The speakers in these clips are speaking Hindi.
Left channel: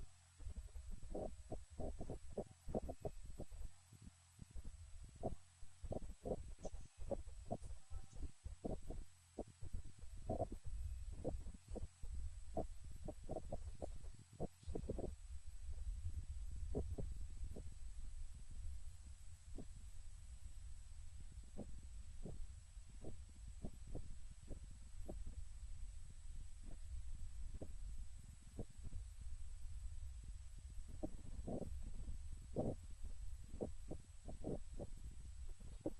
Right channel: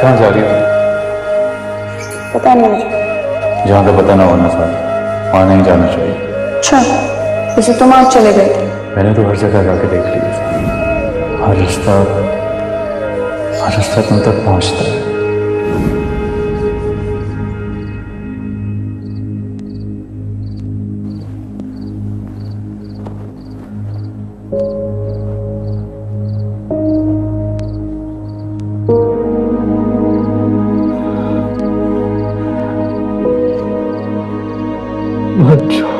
कहाँ जा रही हो? पता नहीं मुझे। जहाँ का पता ना होना साथ, वहाँ नहीं जाना चाहिए। अच्छा, जैसे तुम आज चले गए थे। मैंने तो हर जगह जाके देख लिया, हर रास्ता तुम तक पहुँचता है। बच्चों,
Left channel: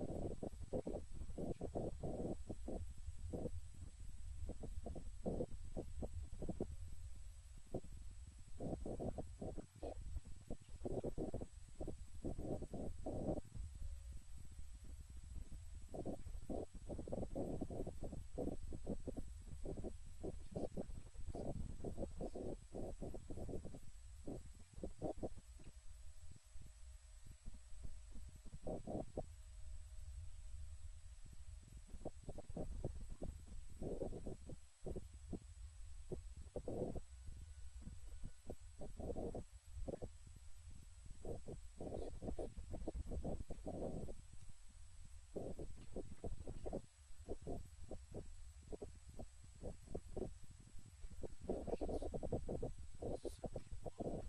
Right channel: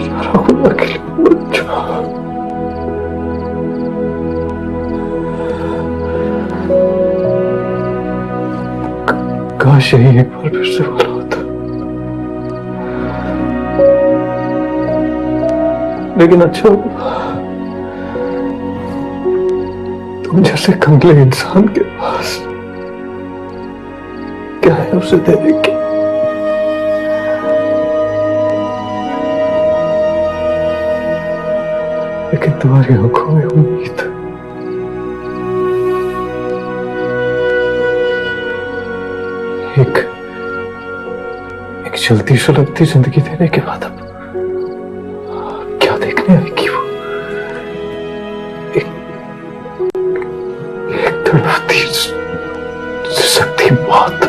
सारा खुदा के लिए बच्चों। काश यही एक बार फिर से बोला होता, लेकिन अच्छा तुम जैसे कंगले इंसान के पास क्या है उसे देने की। लेकिन तुम्हारी आंखों में उम्मीद, एक चलती सुलगती जिंदगी देने के बाद अब क्या देखने आएगी वो? एक तड़पती सिसकती मौत।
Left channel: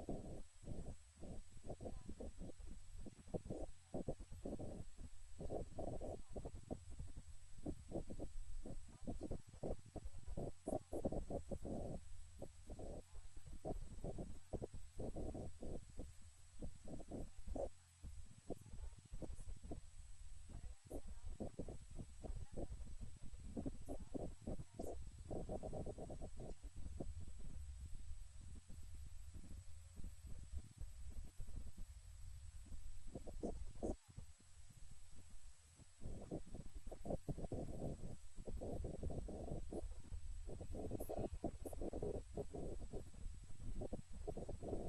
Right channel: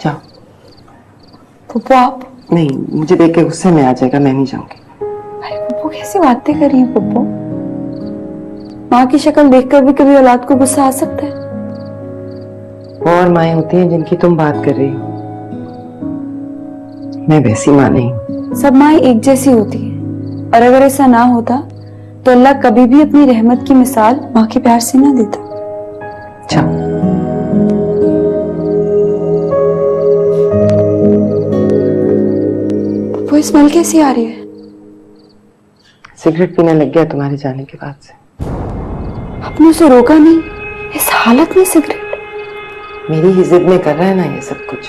जाओ। पप्पू आप? नहीं, मुझे देख के गुस्से में आ जाएगा, मैं नहीं जाऊंगी। अरे पप्पू कैसी बातें कर रही है पप्पू? माँ की शक्ल देखकर भी कभी औलाद को गुस्सा आ सकता है? और माएँ होती हैं जिनकी तुम बात कर रही हो, मैं वैसी माँ नहीं हूँ। सब माएँ एक जैसी होती है, और अगर ऐसा ना होता तो अल्लाह कभी भी अपनी रहमत की मिसाल माँ के प्यार से ना देता। जाओ। वो स्मेल कैसी आ रही है? सिगरेट पीने लग गया तुम्हारे जाने के बाद से। आपने उसे रोका नहीं? इस हालत में सिगरेट? मेरी ही जिद में कर रहा है ना ये सब कुछ,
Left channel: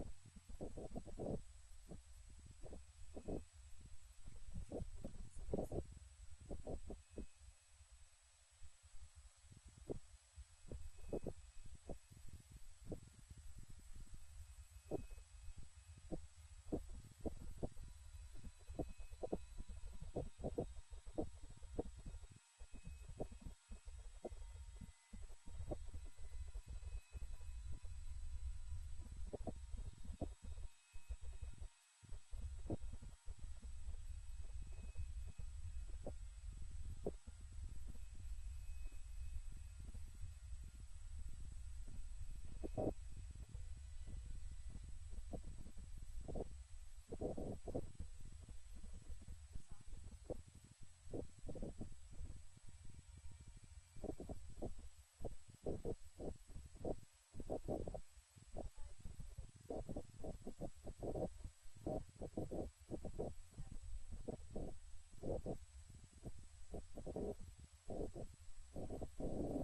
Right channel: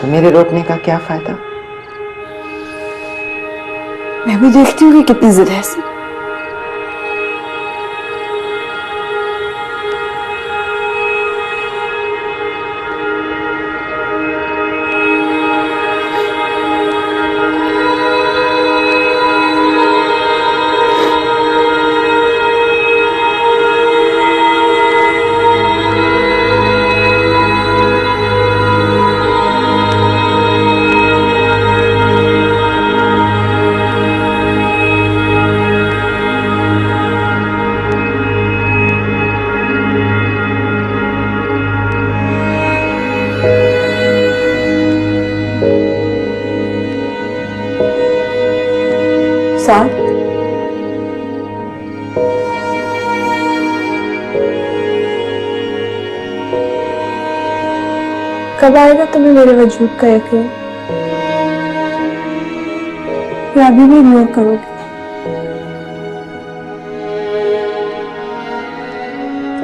तो मेरे रोकने का क्या फायदा? मैं भी देखती हूँ कि कितनी जिद है इसमें। साथ कब आएगा तुम्हें मेरे वजूद का यकीन? या अभी भी इग्नोर करोगे?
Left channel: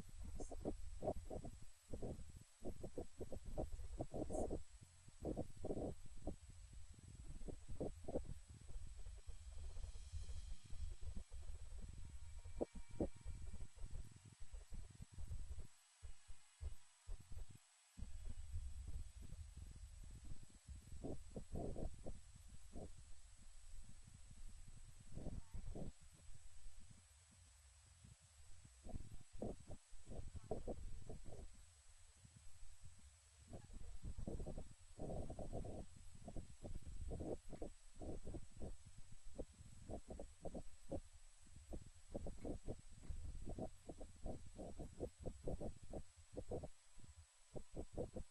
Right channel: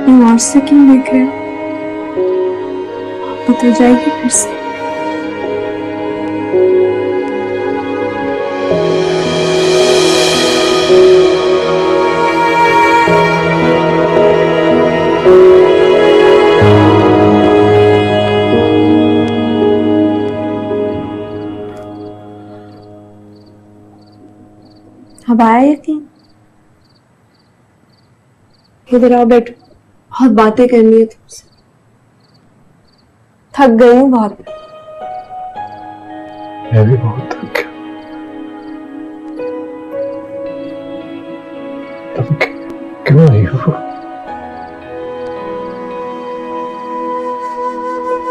तुम और से क्यों देख रहे हो? पता जाएगी फिर से। अब आया यकीन? इधर आओ, बैठो, बहुत बातें करनी है तुमसे। थक गई हूँ बहुत। मैं भी बहुत थक गया। तुम क्यों आई हो?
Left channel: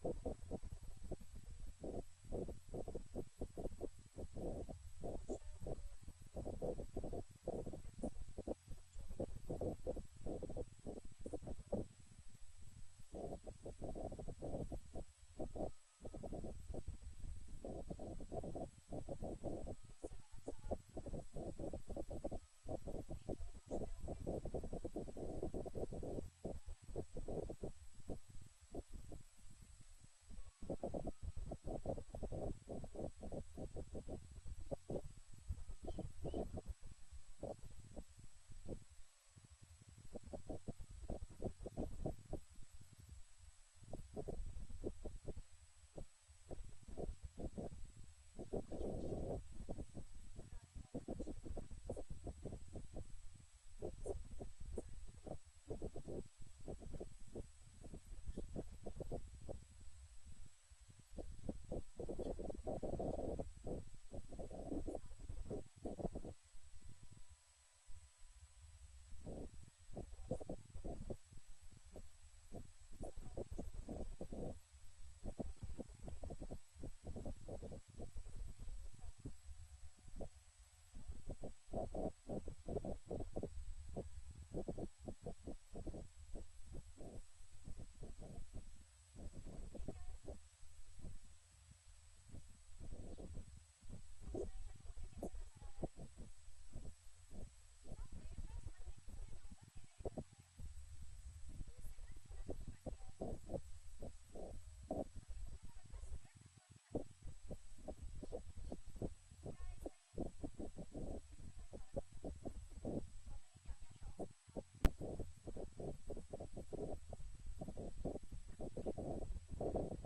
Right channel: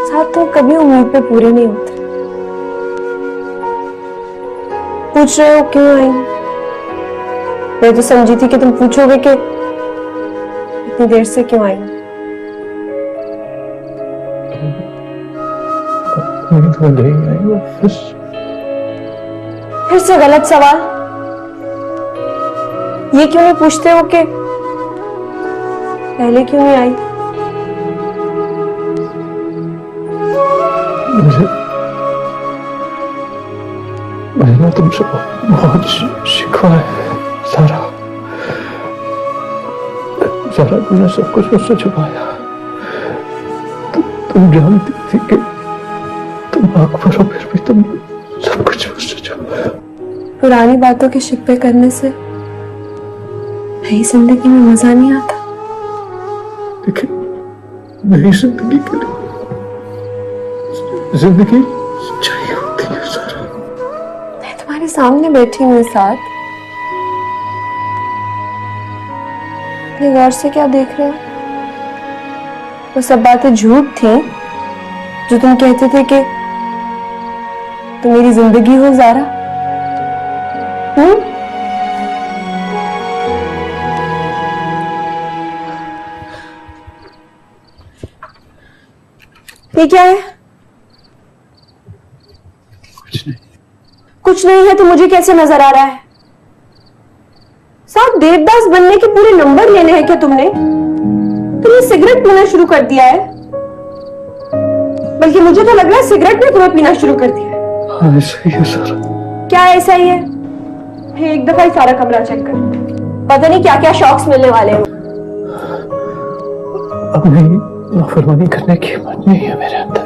साथ तो कभी उम्मीद पे पूरी नहीं होती। पूछ रहे हो क्यों आई? मैं तो समझी थी कि तुम पूछोगे कि इतनी देर से क्यों आई। तो नहीं आई हो, फिर से गलत सवाल। ये क्यों नहीं पूछते हो कि पहले क्यों नहीं आई? मैंने तुमसे बहुत शिकवा है सारा। सारा तुमने सब कुछ मुझसे छुपाया। तुम जानती थी कि तुम अकबर हो, फिर भी तुम सब कुछ मुझसे छुपाया। पुरानी बातों के शिकवे करने से नई जिंदगी में मजा नहीं आता। लेकिन नई जिंदगी के लिए जिंदगी चाहिए होती है सारा। मैं तुम्हारे सामने बैठी हूँ साथ, इतने गौर से क्या देख रहे हो? वो सब बातें झूठ थी जो तुम कहते थे कि तुम मेरी जिंदगी हो ज़ारा। ये क्या है? कुछ नहीं। कुछ नहीं है तो मुझे कैसे नजर आ रहा है? साहब, देवदास बनने के पूरे नंबर लेने हैं क्या तुमने? तुमने सिगरेट पीना शुरू कर दिया है, बल्कि मुझे तो लग रहा है सिगरेट ने तुम्हें पीना शुरू कर दिया है। हाँ, ऐसा ही है सारा। क्या ऐसा ही है? एक दफा ही सारा कमरा चेक कर, पता नहीं क्या क्या शौक्स मिलने वाले हैं। अब नहीं, नाफरमानी करने की हिम्मत नहीं है मेरे अंदर।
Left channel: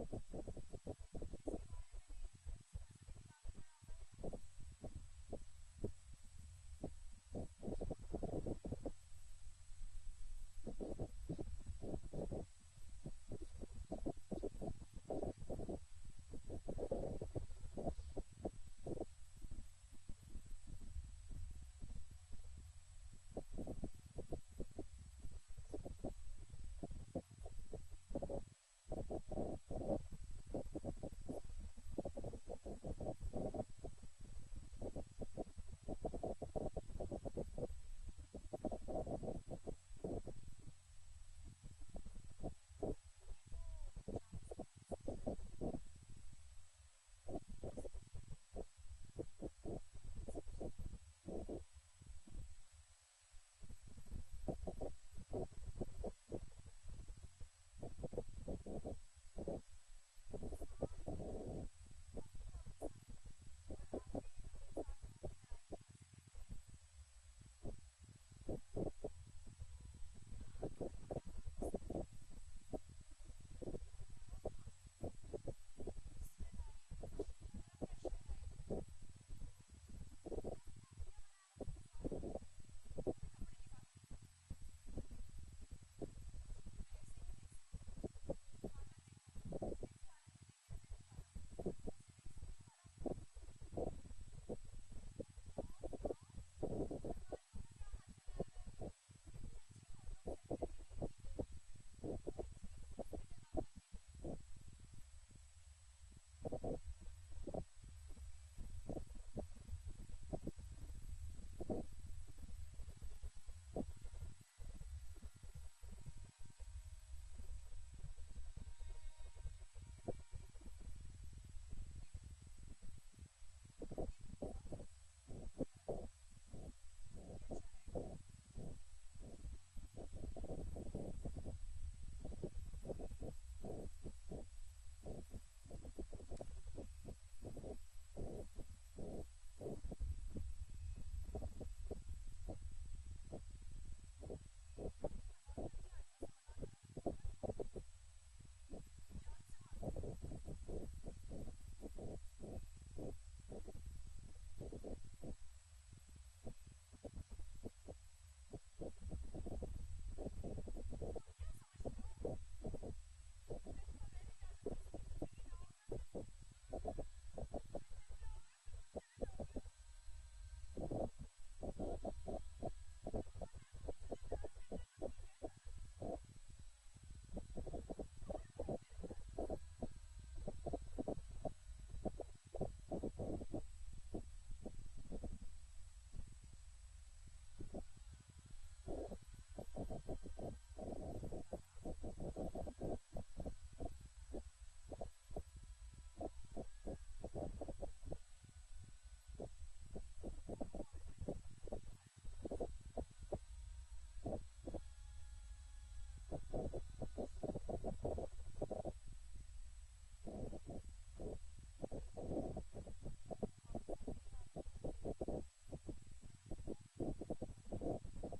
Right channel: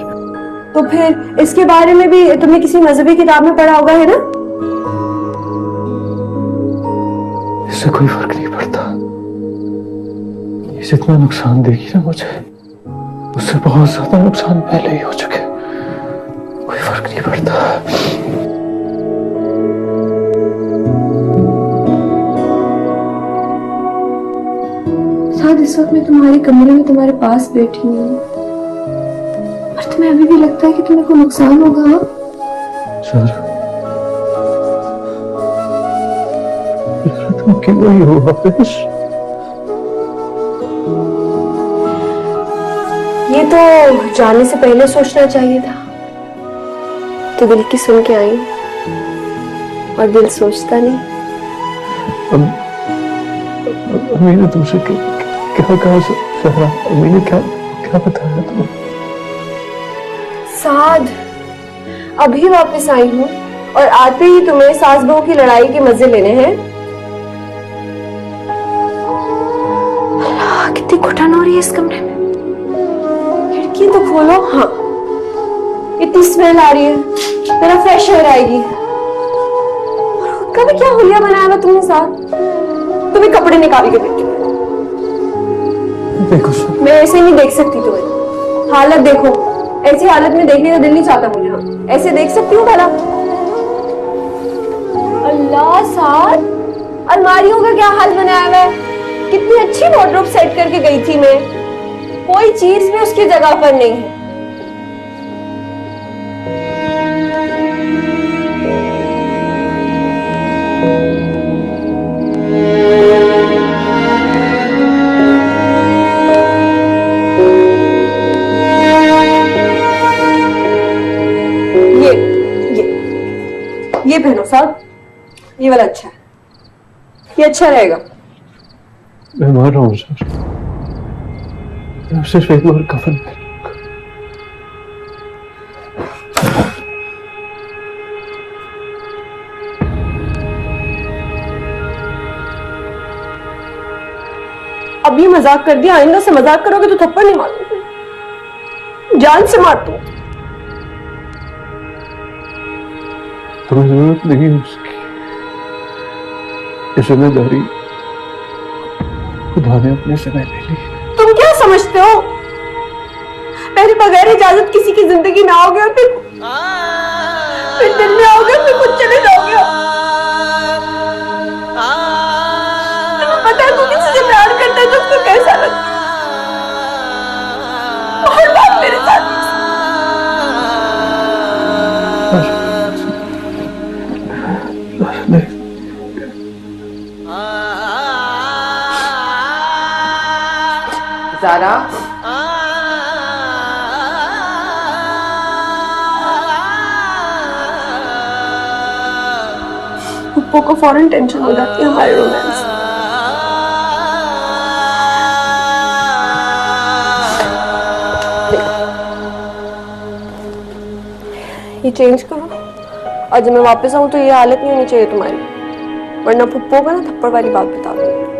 तो फिर इसके बारे में भी तुमने किसी मजहबी किताब में पढ़ा होगा, है ना? इससे कोई फर्क नहीं पड़ता। ये जितना नुकसान देगी ना मुझे, उससे बहुत ज्यादा नुकसान पहले ही हो चुके। कोई फर्क नहीं पड़ता। शायद इस वक्त मैं तुम्हारे कमरे में तुम्हारे पास बैठी हूँ और तुम्हें अभी भी लगता है कि तुम्हें कोई नुकसान होगा। सर, तुम क्यों नहीं हो वापस? ये तो जाने से पहले सोचना चाहिए था। तो दिल की सुन के आई और दिल सोचता नहीं। मैंने तुमसे क्या कहा सहरा? मैंने क्या क्या बताया तुम्हें? साद, अभी वापस आई हूँ और आते ही तुम्हें सास बहू की लड़ाई के मजे लेने हैं। अल्लाह, कितनी घुटन हो रही है इस कमरे में। खिड़की तो खोलो। हाँ, इतनी स्मेल आ रही है, तेरा फ्रेश एयर आएगी। और खुद का भी क्या हुलिया बनाया हुआ तुमने साथ? तुम्हें कपड़े निकाल के देती हूँ। देखो मैं ऐसे नहीं देख सकती तुम्हें। हालत देखो, ऐसी हालत में देखने का दिल नहीं चाहता मुझे। हाँ, ऐसे देख सकती हूँ भला? अल्लाह साथ, अलमारियों का क्या हाल बनाया हुआ है। कितनी अच्छी वार्डरोब सेट करके गई थी मैं, कोई चीज भी उसकी जगह पर नहीं है। ये पहनो साहब, ये वाला अच्छा है, ये अच्छा रहेगा। मैं मार रहा हूँ सर, मैं सिर्फ एक बार कफन पहनूंगा। अब ये मजाक कर दिया, आइंदा से मजाक करोगे तो थप्पड़ नहीं मारूंगी, जान से मार दूं। तुम्हें जरूरत नहीं है उसकी। ये जिम्मेदारी खुदा ने अपने से ले ली। तुम क्या समझते हो? मेरे बगैर इजाजत किसी की जिंदगी में आओगे और फिर दिन में आओगे, फिर कुछ चले जाओगे। तुम्हें पता है तू किसी से प्यार करता है तो उसको कैसा लगता है? और बात मेरे साथ नहीं। ज़ारा, पप्पू को फौरन टेंशन हो जाती है हमारे रोमांस। ये चेंज करो, और जब मैं वापस आऊं तो ये हालत नहीं होनी चाहिए तुम्हारी, वरना पुप्पो को ना थप्पड़ वाली बात बता दूंगी।